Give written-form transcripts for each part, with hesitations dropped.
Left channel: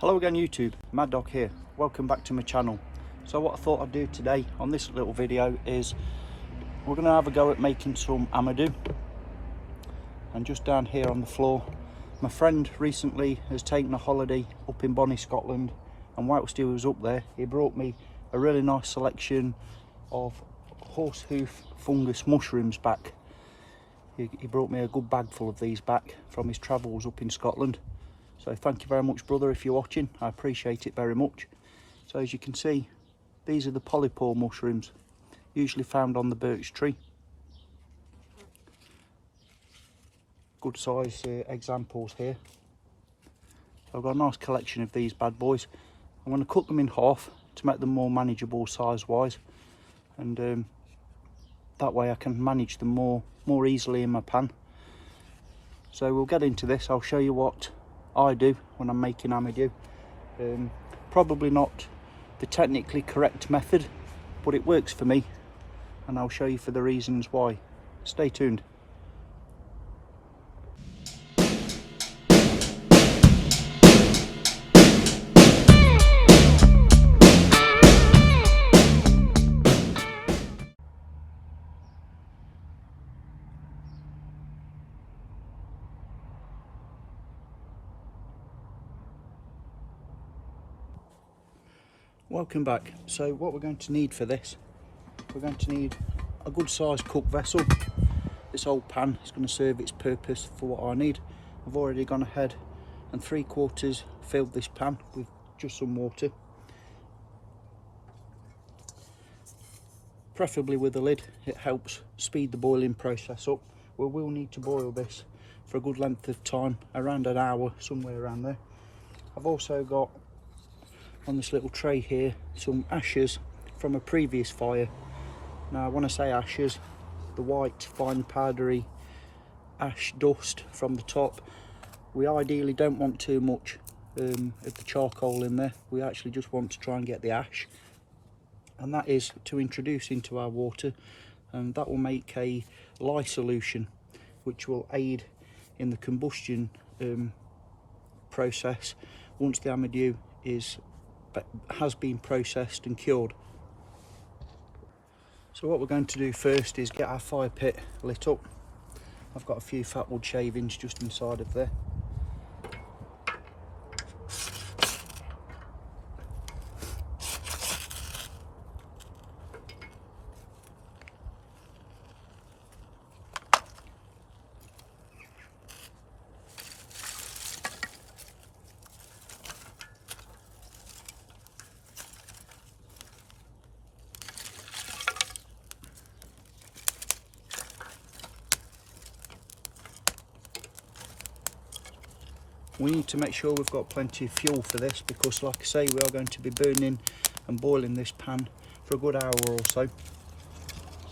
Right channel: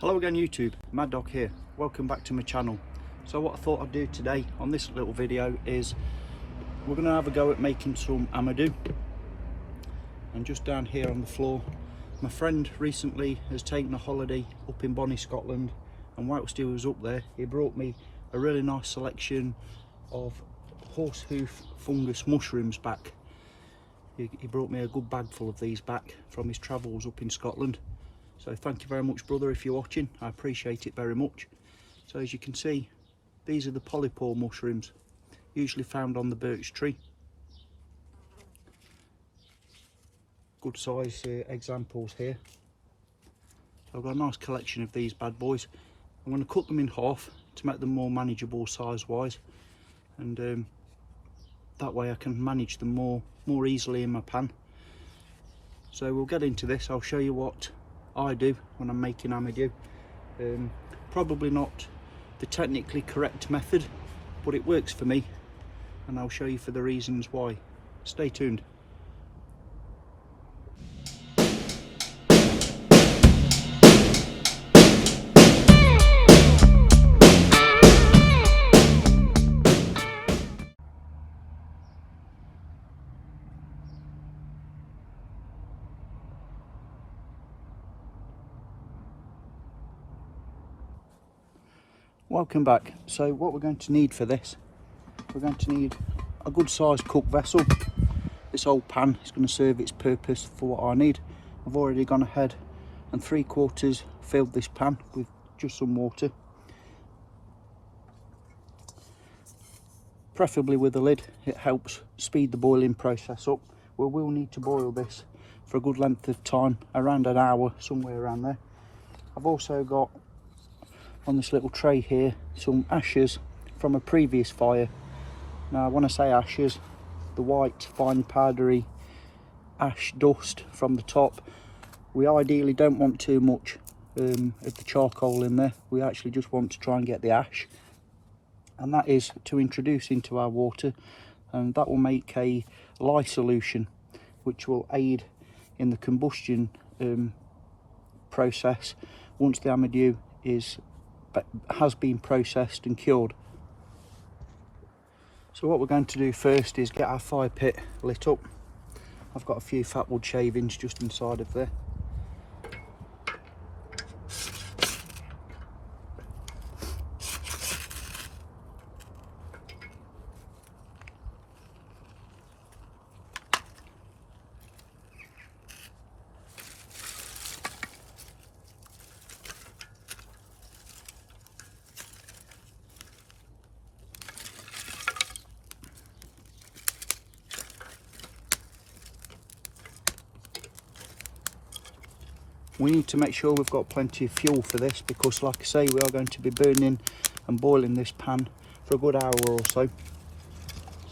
Hello again YouTube, Mad Dog here. Welcome back to my channel. So what I thought I'd do today on this little video is we're going to have a go at making some Amadou. And just down here on the floor, my friend recently has taken a holiday up in Bonnie, Scotland, and whilst he was up there he brought me a really nice selection of horsehoof fungus mushrooms back. He brought me a good bag full of these back from his travels up in Scotland. So thank you very much, brother, if you're watching. I appreciate it very much. So as you can see, these are the polypore mushrooms, usually found on the birch tree. Good size examples here. So I've got a nice collection of these bad boys. I'm going to cut them in half to make them more manageable size wise, and that way I can manage them more easily in my pan. So we'll get into this. I'll show you what I do when I'm making Amadou. Probably not the technically correct method, but it works for me, and I'll show you for the reasons why. Stay tuned. Welcome back. So what we're going to need for this, we're going to need a good sized cook vessel. This old pan is going to serve its purpose for what I need. I've already gone ahead and 3/4 filled this pan with just some water, preferably with a lid. It helps speed the boiling process up. We will need to boil this for a good length of time, around an hour, somewhere around there. I've also got on this little tray here some ashes from a previous fire. Now when I say ashes, the white fine powdery ash dust from the top, we ideally don't want too much of the charcoal in there. We actually just want to try and get the ash, and that is to introduce into our water, and that will make a lye solution which will aid in the combustion process once the Amadou has been processed and cured. So what we're going to do first is get our fire pit lit up. I've got a few fat wood shavings just inside of there. We need to make sure we've got plenty of fuel for this, because like I say, we are going to be burning and boiling this pan for a good hour or so.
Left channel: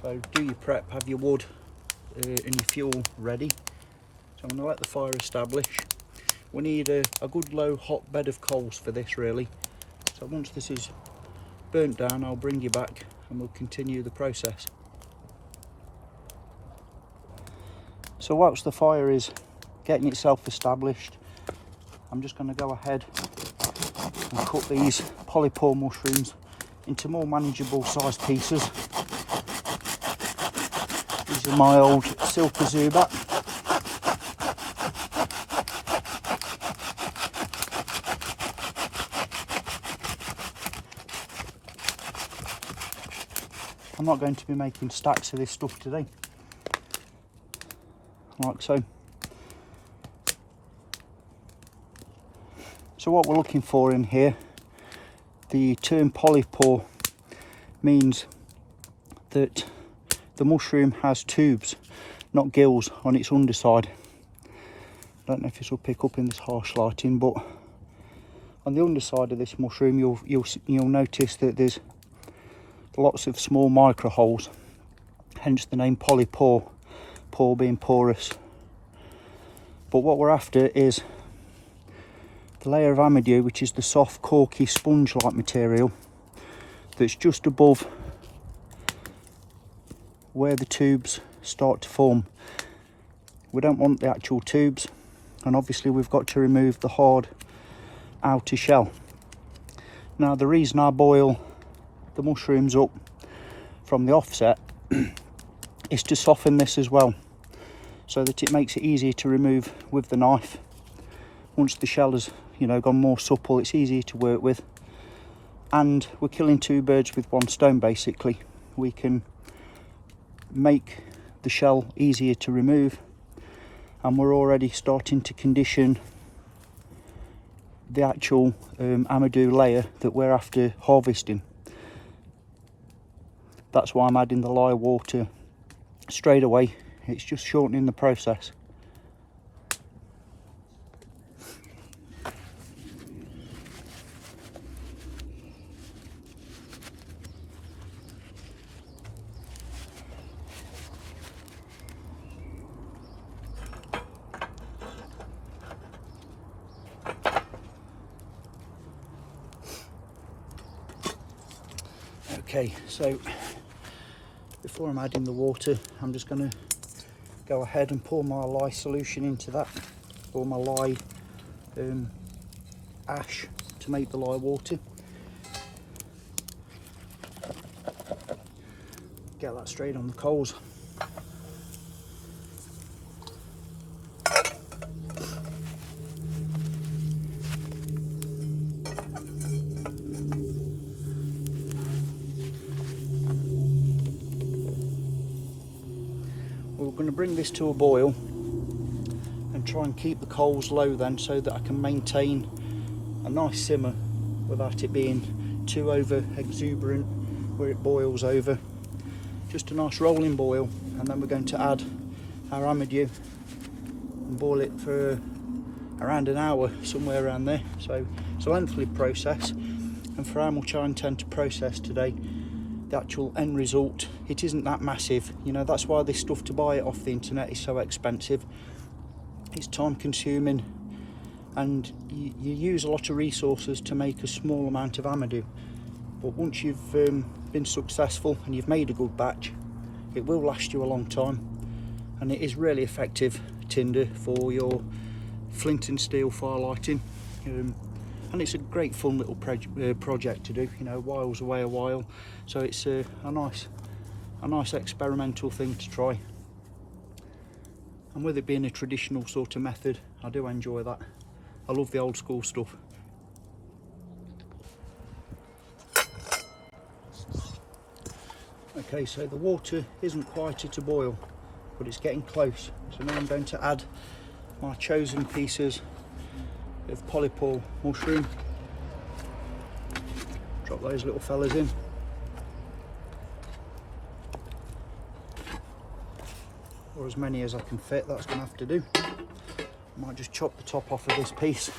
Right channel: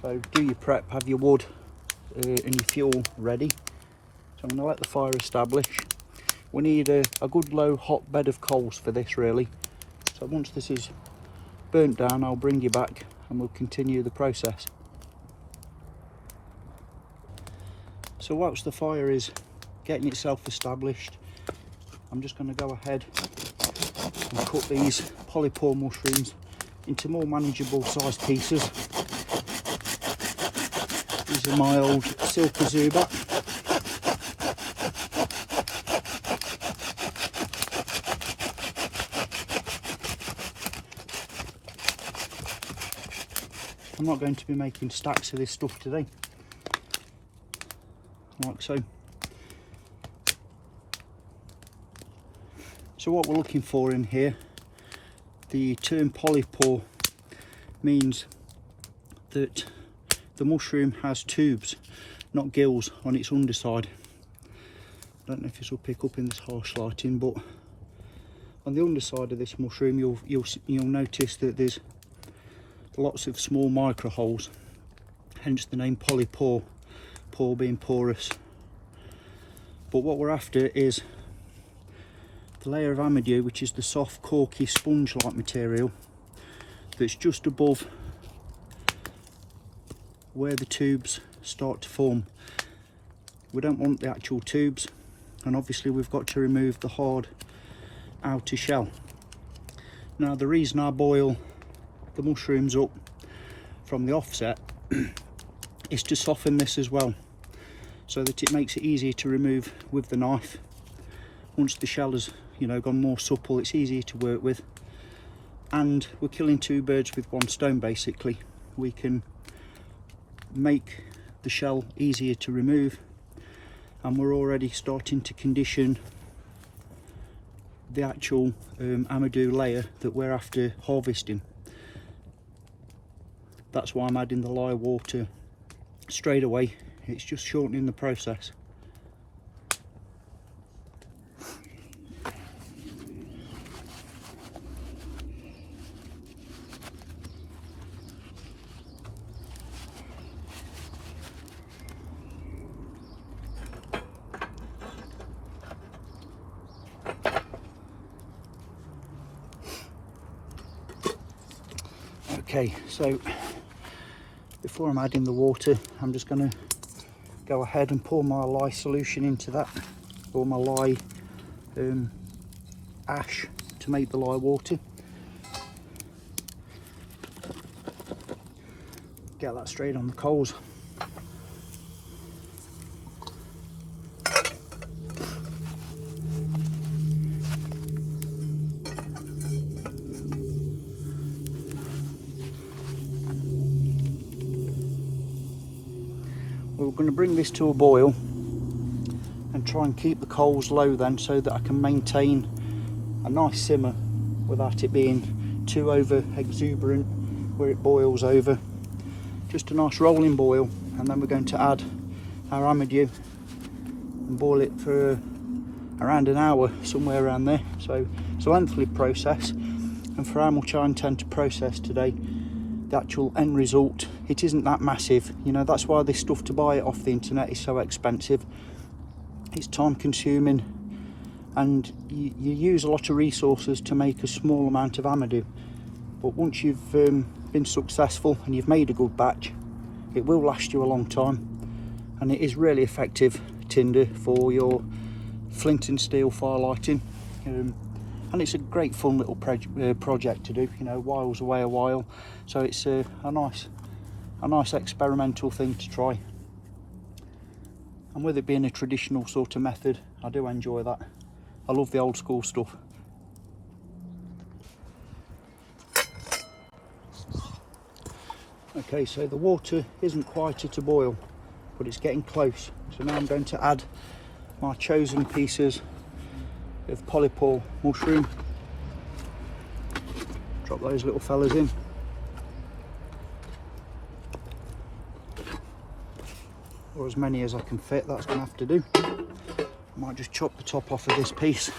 So do your prep, have your wood and your fuel ready. I'm going to let the fire establish. We need a good low hot bed of coals for this really. So once this is burnt down, I'll bring you back and we'll continue the process. So whilst the fire is getting itself established, I'm just going to go ahead and cut these polypore mushrooms into more manageable sized pieces. These are my old Silky Zubat. I'm not going to be making stacks of this stuff today, like so. So what we're looking for in here, the term polypore means that the mushroom has tubes, not gills, on its underside. I don't know if this will pick up in this harsh lighting, but on the underside of this mushroom you'll notice that there's lots of small micro holes, hence the name polypore, pore being porous. But what we're after is the layer of Amadou, which is the soft corky sponge like material that's just above where the tubes start to form. We don't want the actual tubes, and obviously we've got to remove the hard outer shell. Now the reason I boil the mushrooms up from the offset is to soften this as well, so that it makes it easier to remove with the knife. Once the shell has, you know, gone more supple, it's easier to work with, and we're killing two birds with one stone basically. We can make the shell easier to remove, and we're already starting to condition the actual Amadou layer that we're after harvesting. That's why I'm adding the lye water straight away. It's just shortening the process. Okay, so before I'm adding the water, I'm just going to go ahead and pour my lye solution into that, or my lye ash to make the lye water. Get that straight on the coals. We're going to bring this to a boil and try and keep the coals low then, so that I can maintain a nice simmer without it being too over exuberant where it boils over. Just a nice rolling boil, and then we're going to add our Amadou and boil it for around an hour, somewhere around there. So it's a lengthy process, and for how much I intend to process today, the actual end result, it isn't that massive. You know, that's why this stuff, to buy it off the internet, is so expensive. It's time consuming, and you use a lot of resources to make a small amount of Amadou. But once you've been successful and you've made a good batch, it will last you a long time, and it is really effective tinder for your flint and steel firelighting. And it's a great fun little project to do, you know, whiles away a while. So it's a nice experimental thing to try. And with it being a traditional sort of method, I do enjoy that. I love the old school stuff. Okay, so the water isn't quite at a boil, but it's getting close. So now I'm going to add my chosen pieces of polypore mushroom. Drop those little fellas in. Or as many as I can fit, that's going to have to do. I might just chop the top off of this piece.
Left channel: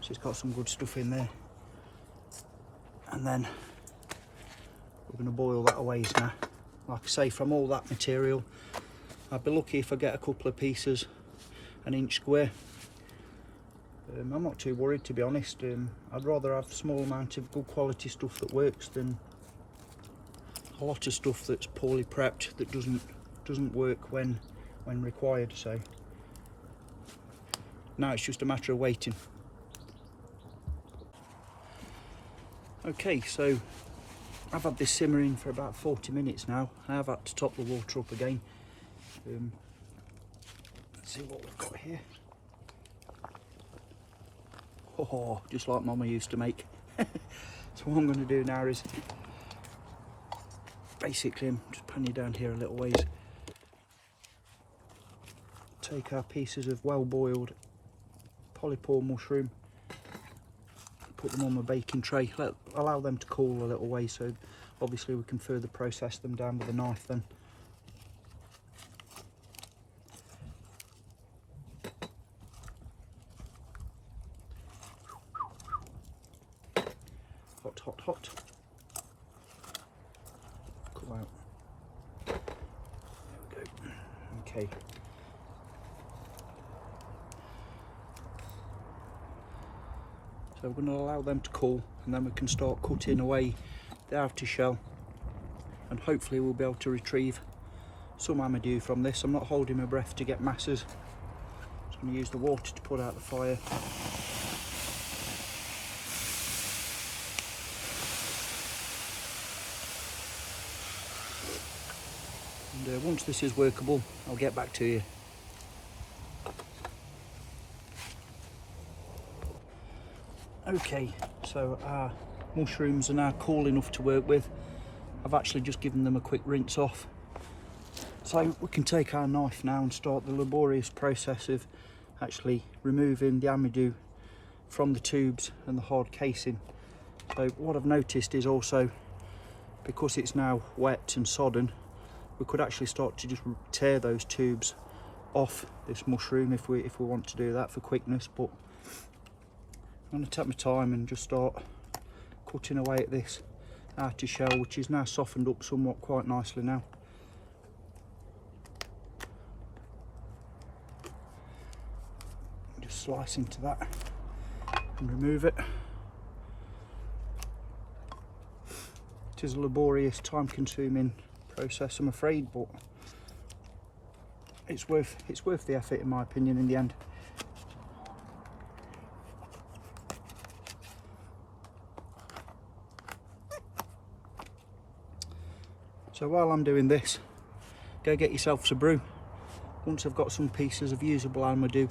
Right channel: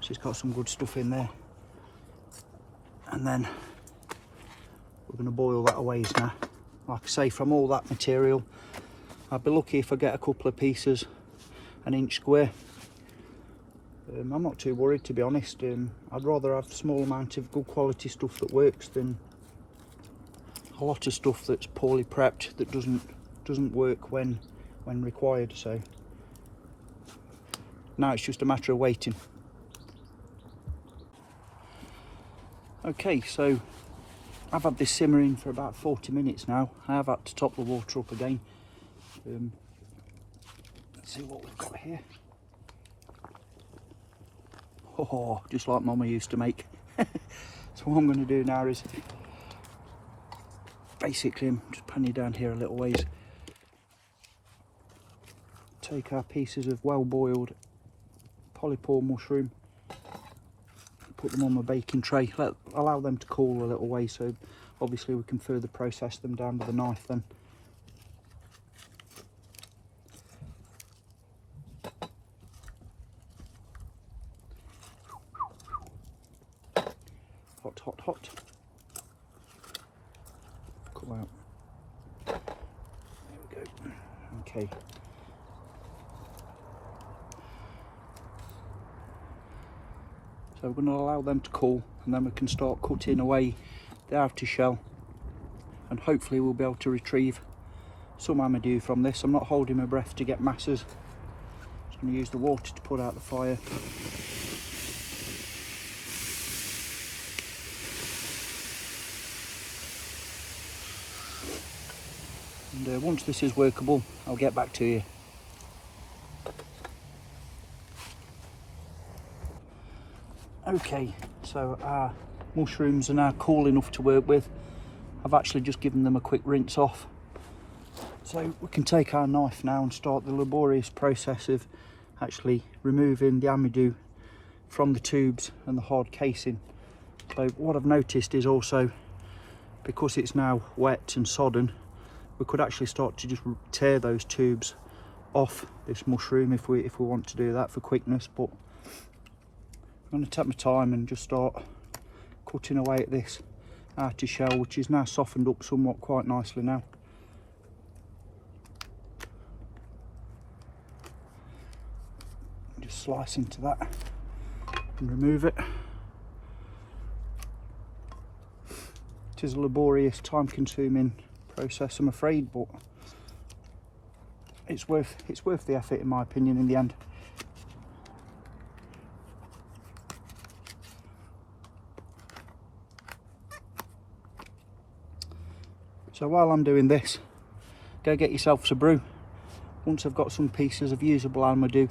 She's got some good stuff in there. And then we're going to boil that away now. Like I say, from all that material, I'd be lucky if I get a couple of pieces an inch square. I'm not too worried, to be honest. I'd rather have a small amount of good quality stuff that works than a lot of stuff that's poorly prepped that doesn't work when required. So now it's just a matter of waiting. Okay, so I've had this simmering for about 40 minutes now. I have had to top the water up again. Let's see what we've got here. Oh, just like Mama used to make. So what I'm going to do now is basically, I'm just panning down here a little ways. Take our pieces of well-boiled polypore mushroom, put them on my baking tray, allow them to cool a little way, so obviously we can further process them down with a knife then. Hot, hot, hot. Come out. There we go. Okay. So we're going to allow them to cool, and then we can start cutting away the outer shell, and hopefully we'll be able to retrieve some Amadou from this. I'm not holding my breath to get masses. So I'm going to use the water to put out the fire. and once this is workable I'll get back to you. Okay, so our mushrooms are now cool enough to work with. I've actually just given them a quick rinse off. So we can take our knife now and start the laborious process of actually removing the Amadou from the tubes and the hard casing. So what I've noticed is also, because it's now wet and sodden, we could actually start to just tear those tubes off this mushroom if we want to do that for quickness. But I'm going to take my time and just start cutting away at this outer shell, which is now softened up somewhat quite nicely now. Just slice into that and remove it. It is a laborious, time-consuming process, I'm afraid, but it's worth the effort in my opinion in the end. So while I'm doing this, go get yourself a brew. Once I've got some pieces of usable Amadou,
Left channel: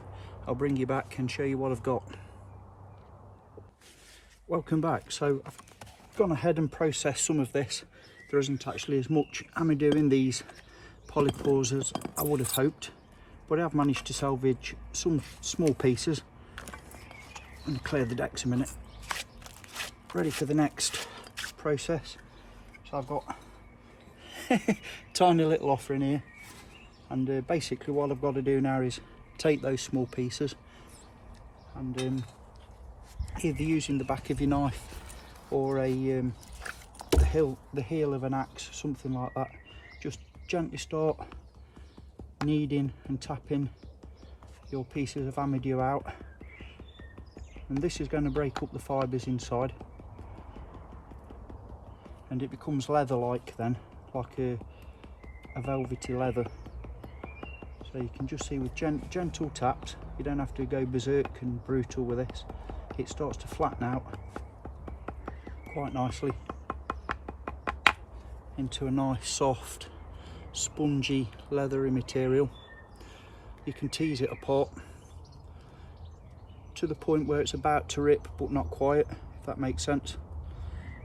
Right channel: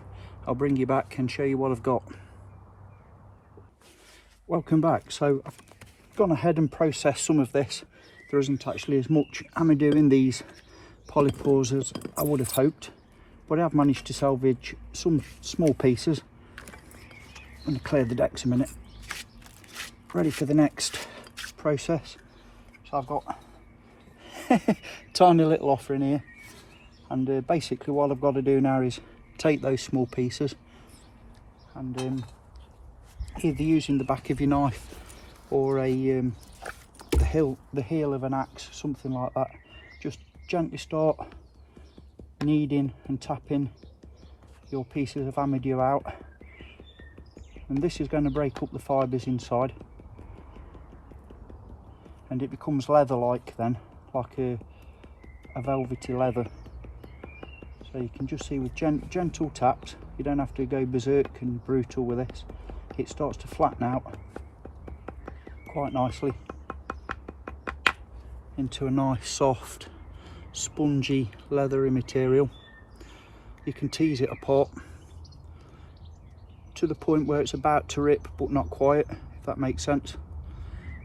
I'll bring you back and show you what I've got. Welcome back. So I've gone ahead and processed some of this. There isn't actually as much Amadou in these polypores as I would have hoped, but I have managed to salvage some small pieces. I'm going to clear the decks a minute. Ready for the next process. So I've got tiny little offering here, and basically what I've got to do now is take those small pieces and either using the back of your knife or the heel of an axe, something like that, just gently start kneading and tapping your pieces of Amadou out, and this is going to break up the fibres inside and it becomes leather like then, like a velvety leather. So you can just see with gentle taps, you don't have to go berserk and brutal with this, it starts to flatten out quite nicely into a nice soft spongy leathery material. You can tease it apart to the point where it's about to rip but not quite, if that makes sense.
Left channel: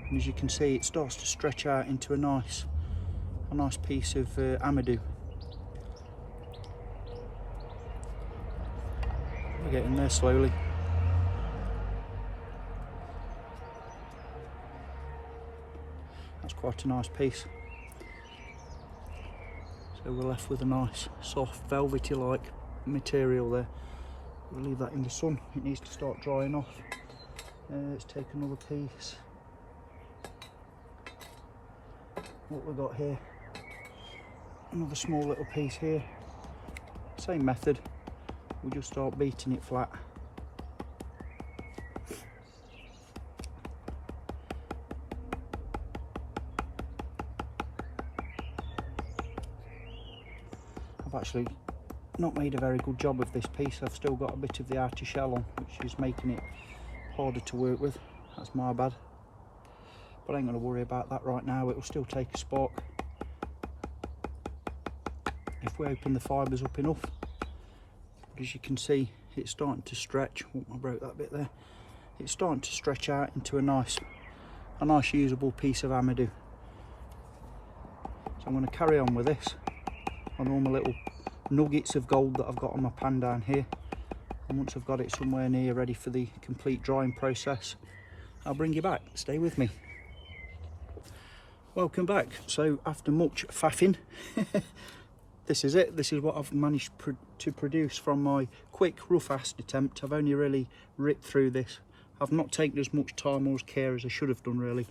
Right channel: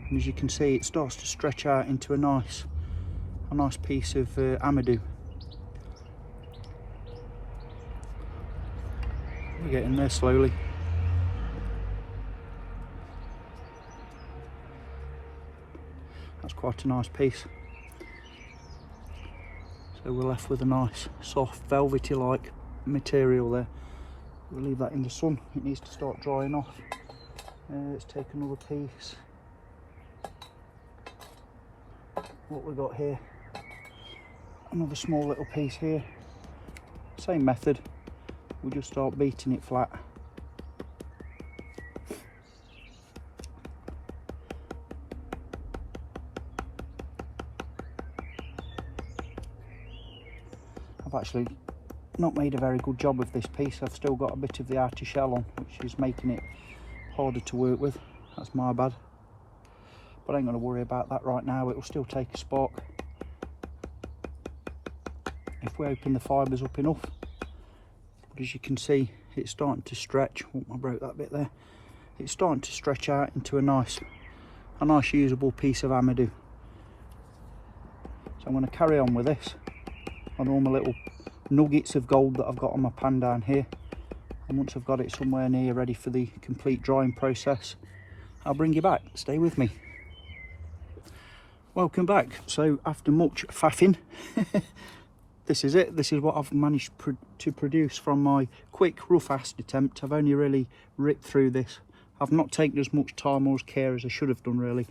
And as you can see, it starts to stretch out into a nice piece of Amadou. We're getting there slowly. That's quite a nice piece. So we're left with a nice soft velvety like material there. We'll leave that in the sun, it needs to start drying off. Let's take another piece. What we got here, another small little piece here. Same method, we'll just start beating it flat. I've actually not made a very good job of this piece. I've still got a bit of the outer shell on, which is making it harder to work with. That's my bad. But I ain't going to worry about that right now, it will still take a spark. If we open the fibres up enough, but as you can see, it's starting to stretch. Oh, I broke that bit there. It's starting to stretch out into a nice usable piece of Amadou. So I'm going to carry on with this on all my little nuggets of gold that I've got on my pan down here. And once I've got it somewhere near ready for the complete drying process, I'll bring you back. Stay with me. Welcome back. So after much faffing, this is it. This is what I've managed to produce from my quick rough-assed attempt. I've only really ripped through this. I've not taken as much time or as care as I should have done really.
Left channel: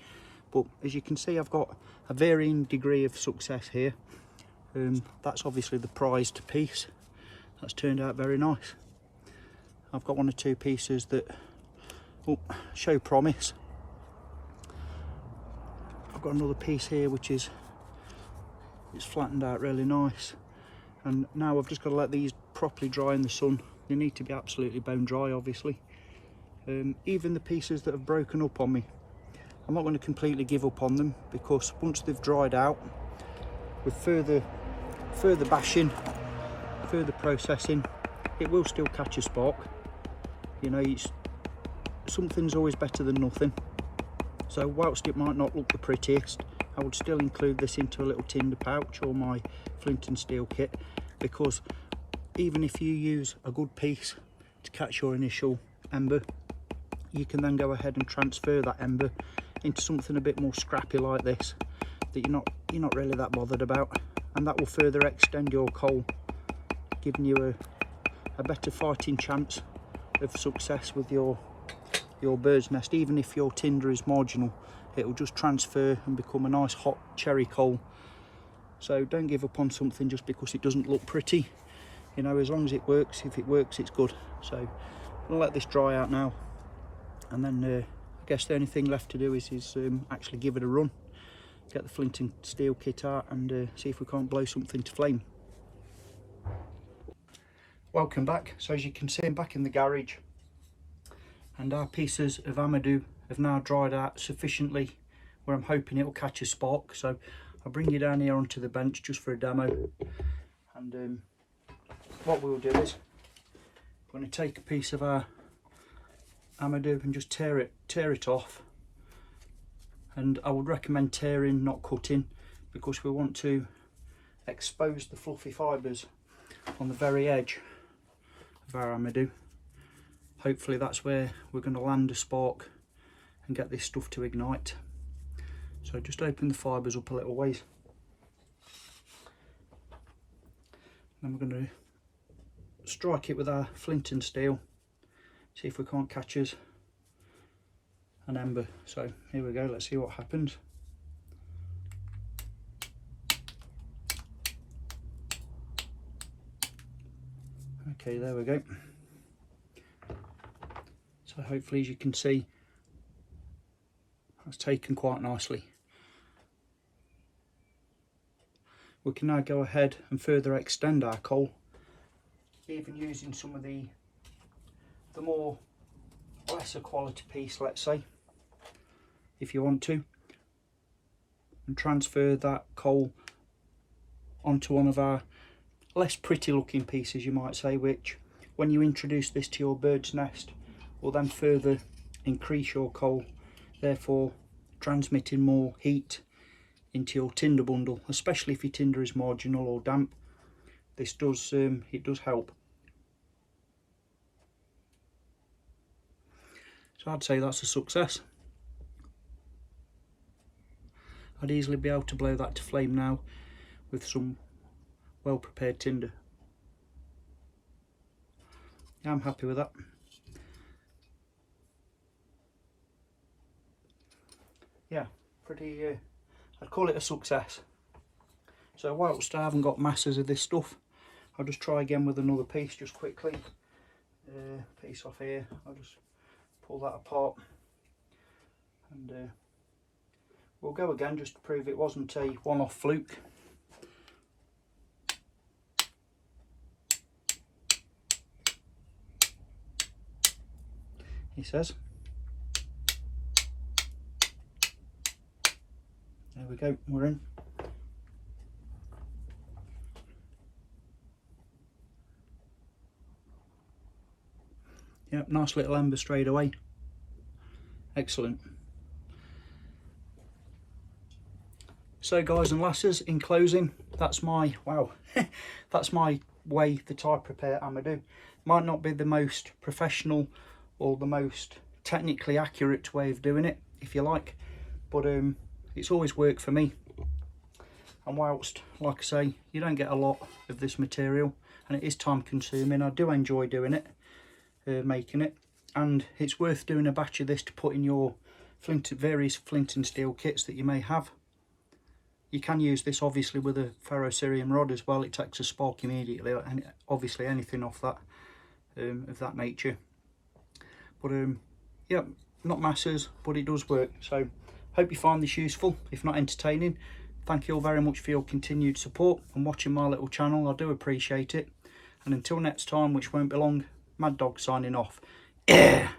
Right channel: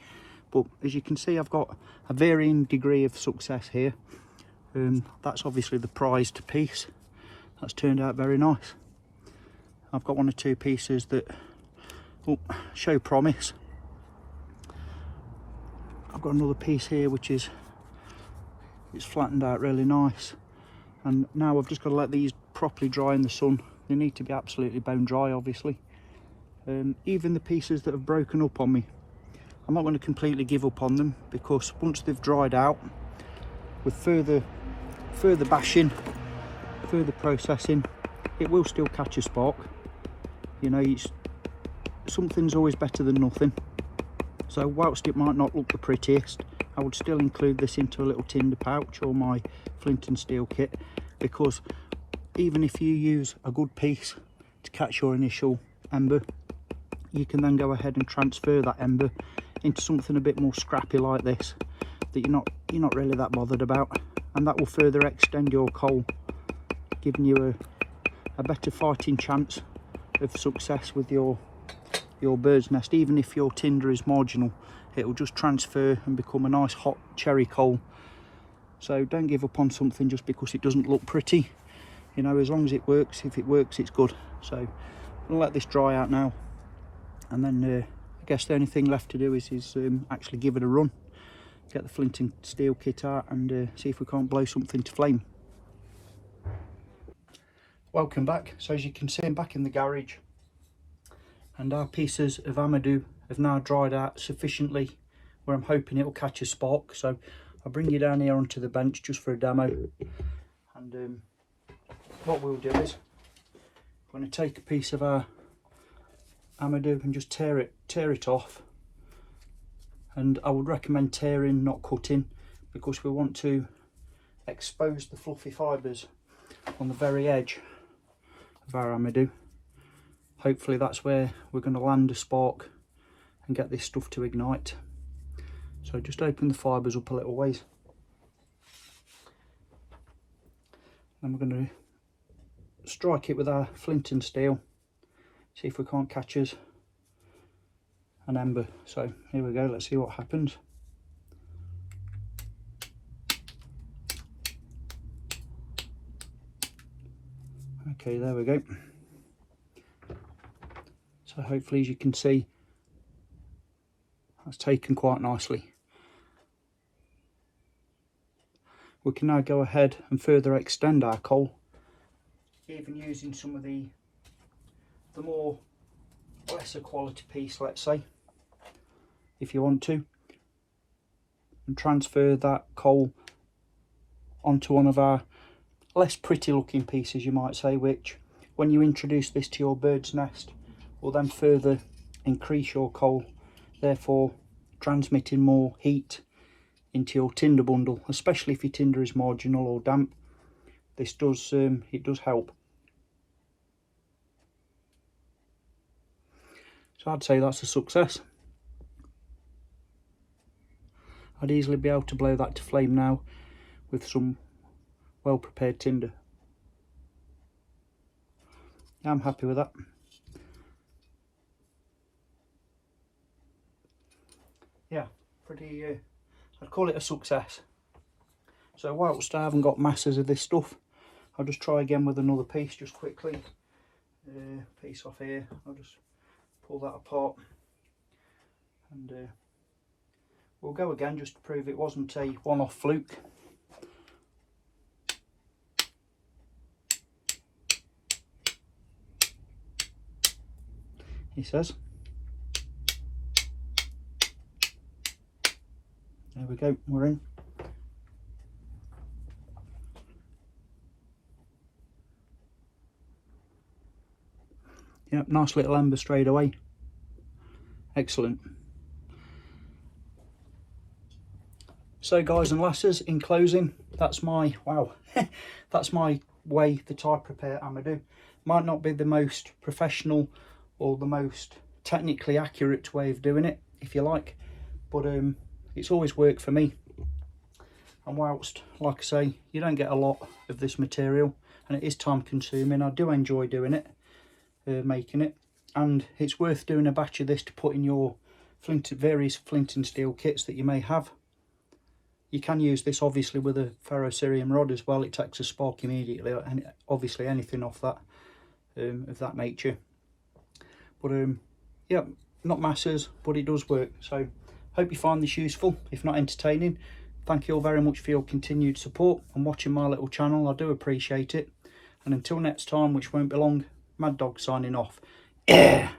But as you can see, I've got a varying degree of success here. That's obviously the prized piece. That's turned out very nice. I've got one or two pieces that show promise. I've got another piece here which is flattened out really nice, and now I've just got to let these properly dry in the sun. They need to be absolutely bone dry obviously. Even the pieces that have broken up on me, I'm not going to completely give up on them, because once they've dried out, with further further bashing, further processing, it will still catch a spark. You know, something's always better than nothing. So whilst it might not look the prettiest, I would still include this into a little tinder pouch or my flint and steel kit, because even if you use a good piece to catch your initial ember, you can then go ahead and transfer that ember into something a bit more scrappy like this that you're not really that bothered about, and that will further extend your coal, giving you a better fighting chance of success with your bird's nest. Even if your tinder is marginal, it will just transfer and become a nice hot cherry coal. So don't give up on something just because it doesn't look pretty. You know, as long as it works, if it works, it's good. So I'm gonna let this dry out now, and then I guess the only thing left to do is actually give it a run, get the flint and steel kit out, and see if we can't blow something to flame. Welcome back. So as you can see, I'm back in the garage, and our pieces of Amadou have now dried out sufficiently where I'm hoping it will catch a spark. So I'll bring you down here onto the bench just for a demo, and what we'll do is I'm going to take a piece of our Amadou and just tear it off. And I would recommend tearing, not cutting, because we want to expose the fluffy fibres on the very edge of our Amadou. Hopefully that's where we're going to land a spark and get this stuff to ignite. So just open the fibres up a little ways. Then we're going to strike it with our flint and steel, see if we can't catch us an ember. So here we go, let's see what happens. Okay, there we go. So hopefully, as you can see, that's taken quite nicely. We can now go ahead and further extend our coal, even using some of the more lesser quality piece, let's say, if you want to, and transfer that coal onto one of our less pretty looking pieces, you might say, which when you introduce this to your bird's nest will then further increase your coal, therefore transmitting more heat into your tinder bundle, especially if your tinder is marginal or damp. This does it does help. So I'd say that's a success. I'd easily be able to blow that to flame now with some well prepared tinder. Yeah, I'm happy with that. Yeah, pretty, I'd call it a success. So whilst I haven't got masses of this stuff, I'll just try again with another piece just quickly. Piece off here, I'll just pull that apart, and we'll go again just to prove it wasn't a one-off fluke. He says. There we go, we're in. Yep, nice little ember straight away. Excellent. So guys and lasses, in closing, that's my, wow, that's my way that I prepare Amadou. Might not be the most professional or the most technically accurate way of doing it, if you like, but it's always worked for me. And whilst, like I say, you don't get a lot of this material and it is time consuming, I do enjoy doing it, making it, and it's worth doing a batch of this to put in your various flint and steel kits that you may have. You can use this obviously with a ferrocerium rod as well. It takes a spark immediately, and obviously anything off that of that nature. But yeah, not masses, but it does work. So hope you find this useful, if not entertaining. Thank you all very much for your continued support and watching my little channel. I do appreciate it. And until next time, which won't be long, Mad Dog signing off. Yeah.